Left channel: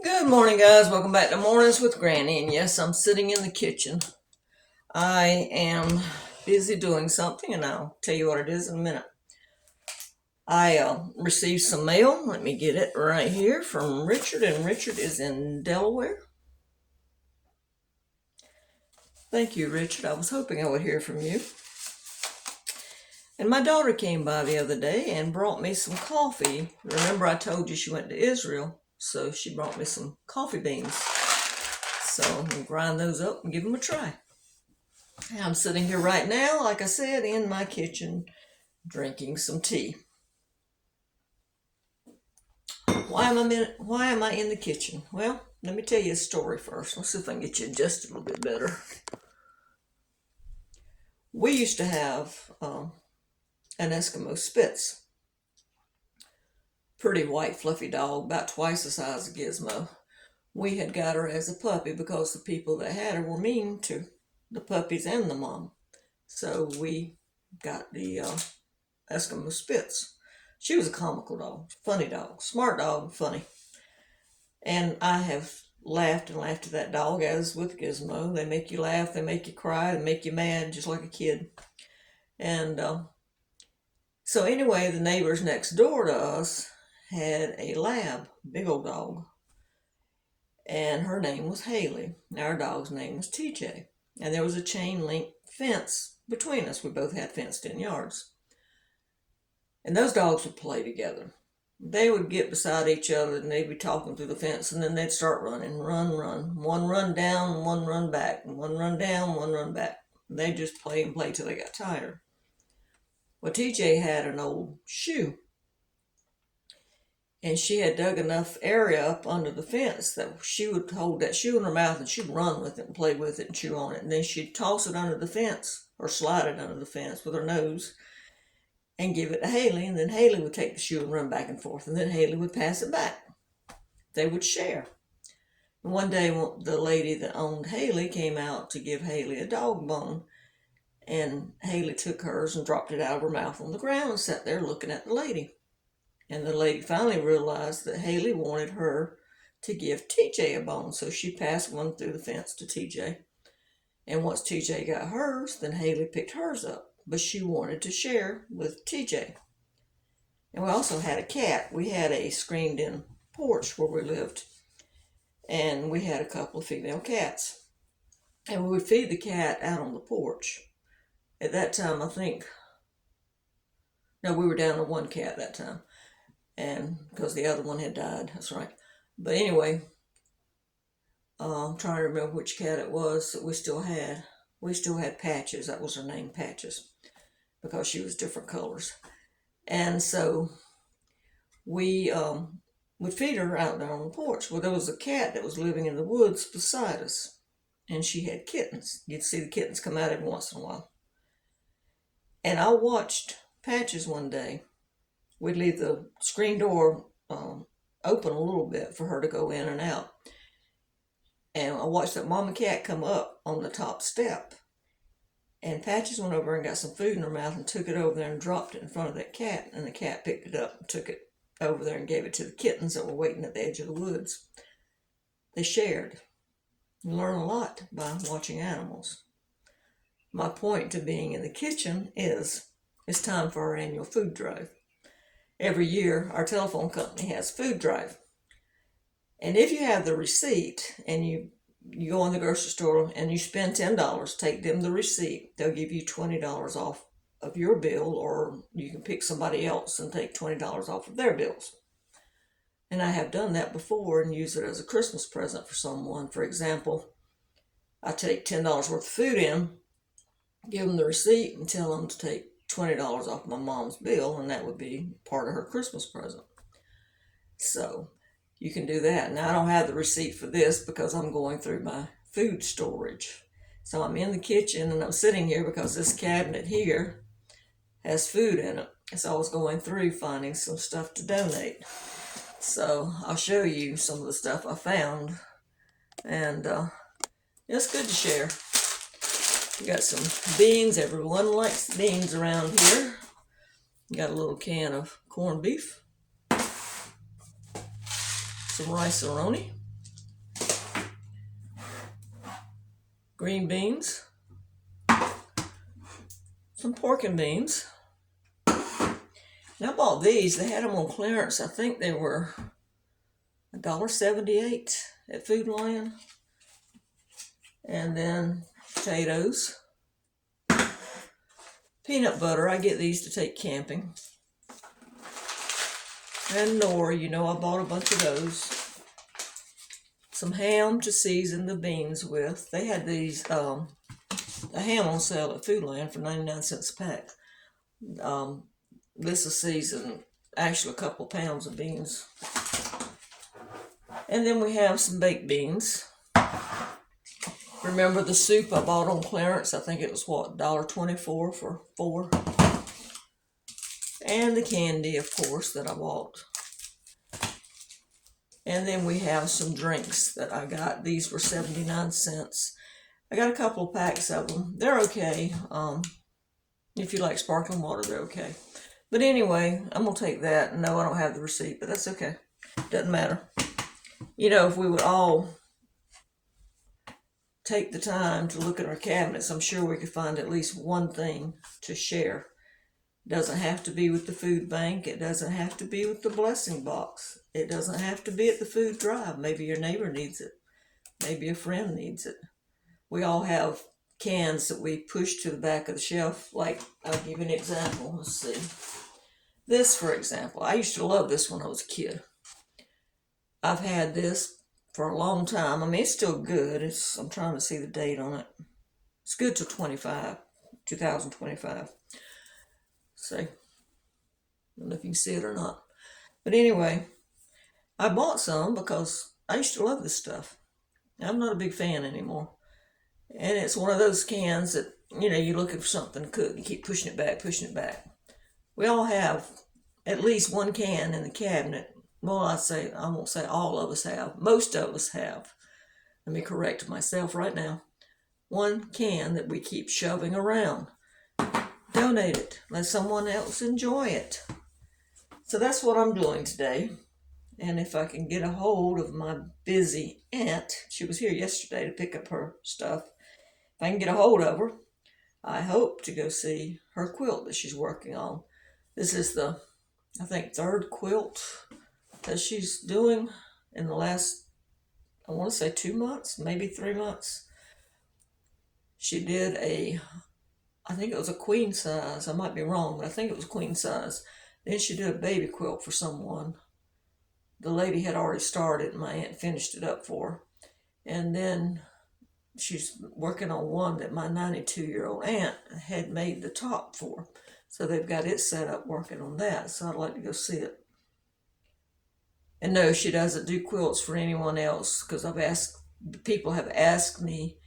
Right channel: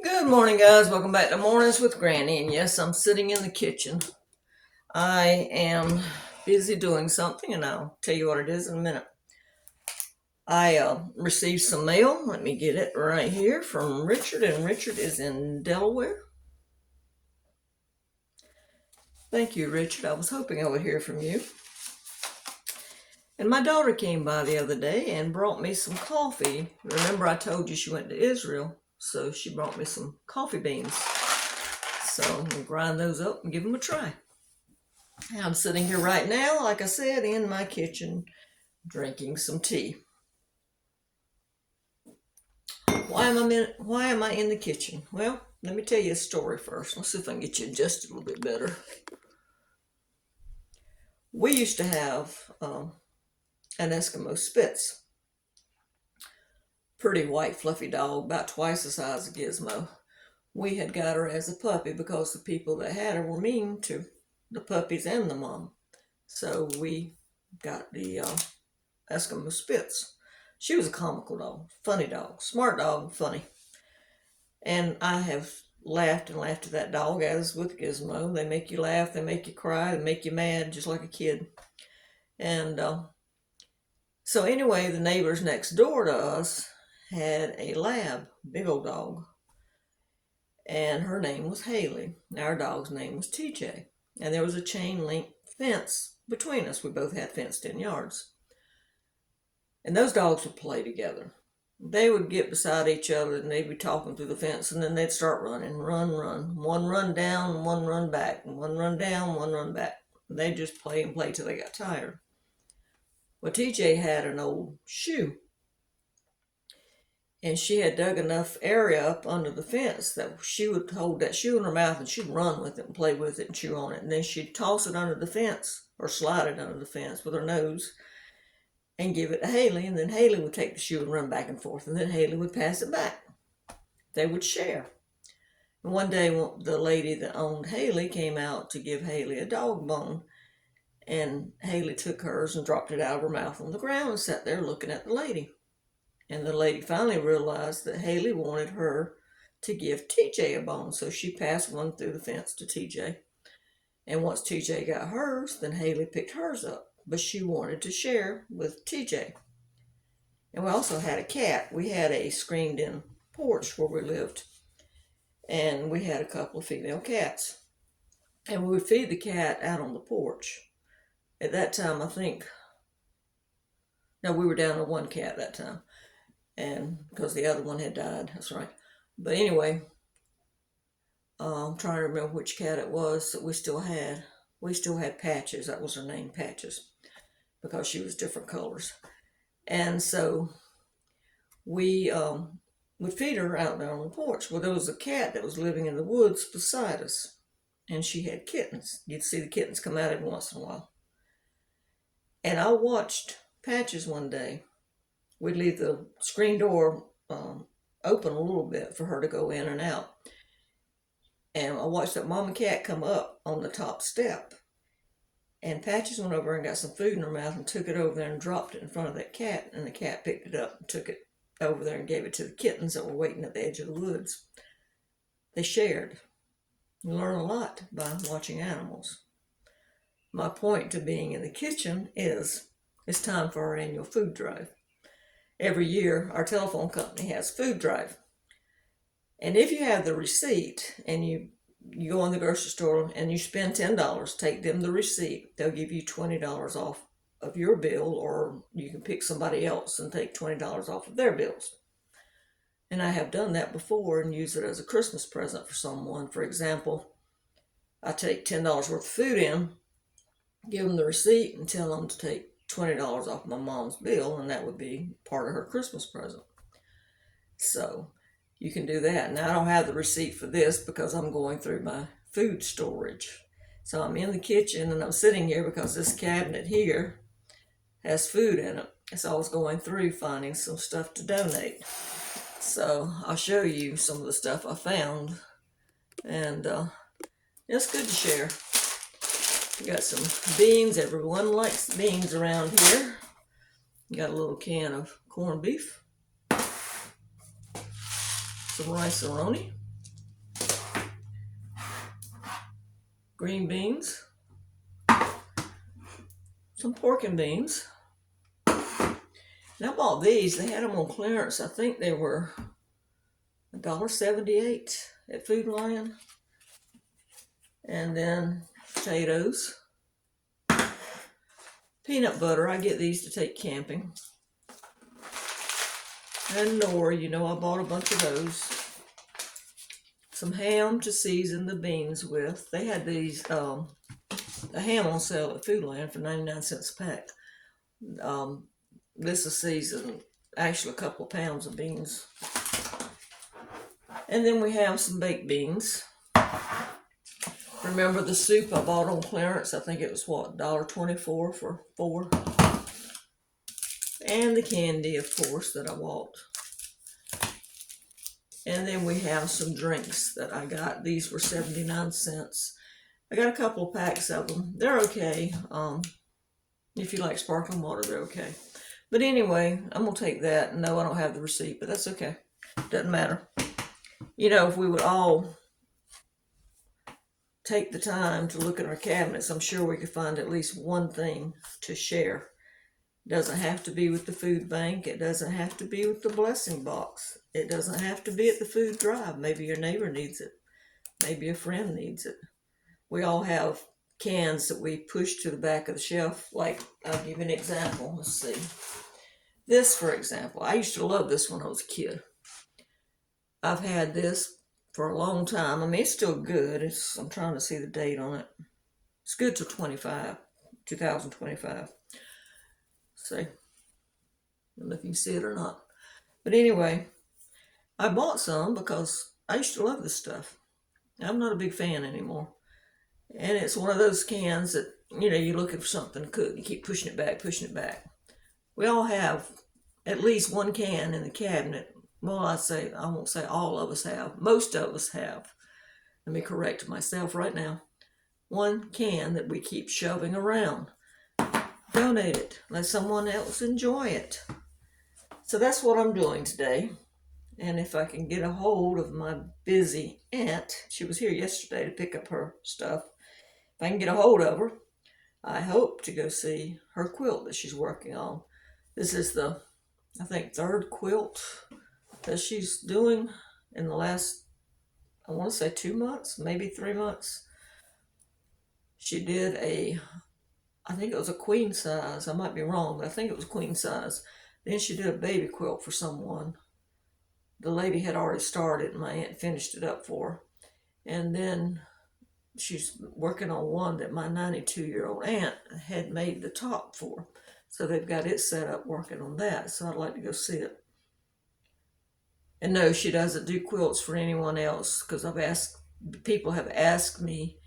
Good morning, guys. Welcome back to Mornings with Granny. And yes, I'm sitting in the kitchen. I am busy doing something, and I'll tell you what it is in a minute. I received some mail. Let me get it right here from Richard, and Richard is in Delaware. Thank you, Richard. I was hoping I would hear from you. And my daughter came by the other day and brought me some coffee. Remember, I told you she went to Israel, so she brought me some coffee beans. So I'm going to grind those up and give them a try. I'm sitting here right now, like I said, in my kitchen, drinking some tea. Why am I in the kitchen? Well, let me tell you a story first. Let's see if I can get you adjusted a little bit better. We used to have an Eskimo Spitz. Pretty white, fluffy dog, about twice the size of Gizmo. We had got her as a puppy because the people that had her were mean to the puppies and the mom. So we got the Eskimo Spitz. She was a comical dog, funny dog, smart dog, funny. And I have laughed and laughed at that dog, as with Gizmo. They make you laugh, they make you cry, they make you mad, just like a kid. And so anyway, the neighbors next door to us had a lab, big old dog. And her name was Haley. Our dog's name was TJ. And there was a chain link fence between us. We both had fenced in yards. And those dogs would play together. They would get beside each other and they'd be talking through the fence, and then they'd start running, run. One run down, one run back, and one run down, one run back. And they'd just play and play till they got tired. Well, TJ had an old shoe, and she had dug enough area up under the fence that she would hold that shoe in her mouth and she'd run with it and play with it and chew on it. And then she'd toss it under the fence or slide it under the fence with her nose and give it to Haley. And then Haley would take the shoe and run back and forth. And then Haley would pass it back. They would share. And one day, the lady that owned Haley came out to give Haley a dog bone. And Haley took hers and dropped it out of her mouth on the ground and sat there looking at the lady. And the lady finally realized that Haley wanted her to give TJ a bone, so she passed one through the fence to TJ. And once TJ got hers, then Haley picked hers up, but she wanted to share with TJ. And we also had a cat. We had a screened-in porch where we lived, and we had a couple of female cats. And we would feed the cat out on the porch. At that time, we were down to one cat that time. And because the other one had died, that's right. But anyway, I'm trying to remember which cat it was that we still had. We still had Patches. That was her name, Patches, because she was different colors. And so we would feed her out there on the porch. Well, there was a cat that was living in the woods beside us, and she had kittens. You'd see the kittens come out every once in a while. And I watched Patches one day. We'd leave the screen door open a little bit for her to go in and out. And I watched that mama cat come up on the top step. And Patches went over and got some food in her mouth and took it over there and dropped it in front of that cat. And the cat picked it up and took it over there and gave it to the kittens that were waiting at the edge of the woods. They shared. You learn a lot by watching animals. My point to being in the kitchen is it's time for our annual food drive. Every year, our telephone company has food drive. And if you have the receipt and you go in the grocery store and you spend $10, take them the receipt, they'll give you $20 off of your bill, or you can pick somebody else and take $20 off of their bills. And I have done that before and use it as a Christmas present for someone. For example, I take $10 worth of food in, give them the receipt, and tell them to take $20 off my mom's bill, and that would be part of her Christmas present. So you can do that. Now, I don't have the receipt for this because I'm going through my food storage. So I'm in the kitchen and I'm sitting here because this cabinet here has food in it. So I was going through finding some stuff to donate. So I'll show you some of the stuff I found. And it's good to share. We got some beans. Everyone likes beans around here. Got a little can of corned beef. Some rice-a-roni. green beans, some pork and beans. And I bought these. They had them on clearance. I think they were $1.78 at Food Lion. And then potatoes. Peanut butter. I get these to take camping. And nori, you know, I bought a bunch of those. Some ham to season the beans with. They had these, a ham on sale at Food Lion for 99 cents a pack. This is seasoned, actually a couple pounds of beans. And then we have some baked beans. Remember the soup I bought on clearance? I think it was, what, $1.24 for 4. And the candy, of course, that I bought. And then we have some drinks that I got. These were 79 cents. I got a couple of packs of them. They're okay. If you like sparkling water, they're okay. But anyway, I'm going to take that. No, I don't have the receipt, but that's okay. Doesn't matter. You know, if we would all take the time to look at our cabinets, I'm sure we could find at least one thing to share. It doesn't have to be with the food bank. It doesn't have to be with the blessing box. It doesn't have to be at the food drive. Maybe your neighbor needs it. Maybe a friend needs it. We all have cans that we push to the back of the shelf. Like, I'll give you an example. Let's see. This, for example. I used to love this when I was a kid. I've had this for a long time. I mean, it's still good. I'm trying to see the date on it. It's good till 2025. See? I don't know if you can see it or not. But anyway, I bought some because I used to love this stuff. I'm not a big fan anymore. And it's one of those cans that, you know, you're looking for something to cook. You keep pushing it back, pushing it back. We all have at least one can in the cabinet. Well, I won't say all of us have. Most of us have. Let me correct myself right now. One can that we keep shoving around. Donate it. Let someone else enjoy it. So that's what I'm doing today. And if I can get a hold of my busy aunt, she was here yesterday to pick up her stuff. If I can get a hold of her, I hope to go see her quilt that she's working on. This is the, I think, 3rd quilt that she's doing in the last, I want to say 2 months, maybe 3 months. She did I think it was a queen size. I might be wrong, but I think it was queen size. Then she did a baby quilt for someone. The lady had already started, and my aunt finished it up for her. And then she's working on one that my 92-year-old aunt had made the top for. So they've got it set up working on that. So I'd like to go see it. And no, she doesn't do quilts for anyone else, because people have asked me,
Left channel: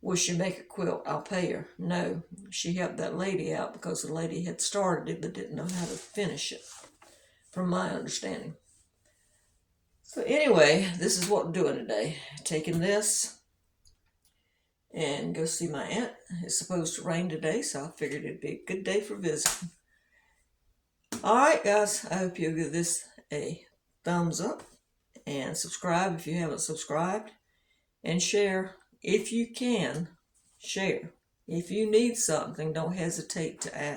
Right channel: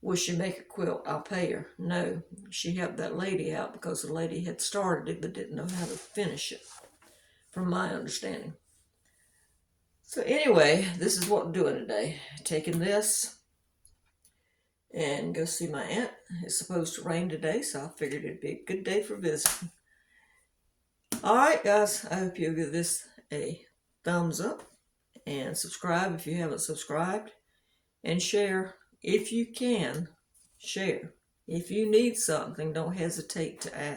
will she make a quilt? I'll pay her. No, she helped that lady out because the lady had started it but didn't know how to finish it, from my understanding. So anyway, this is what I'm doing today. Taking this and go see my aunt. It's supposed to rain today, so I figured it'd be a good day for visiting. Alright guys, I hope you'll give this a thumbs up and subscribe if you haven't subscribed, and share if you can. Share. If you need something, don't hesitate to ask.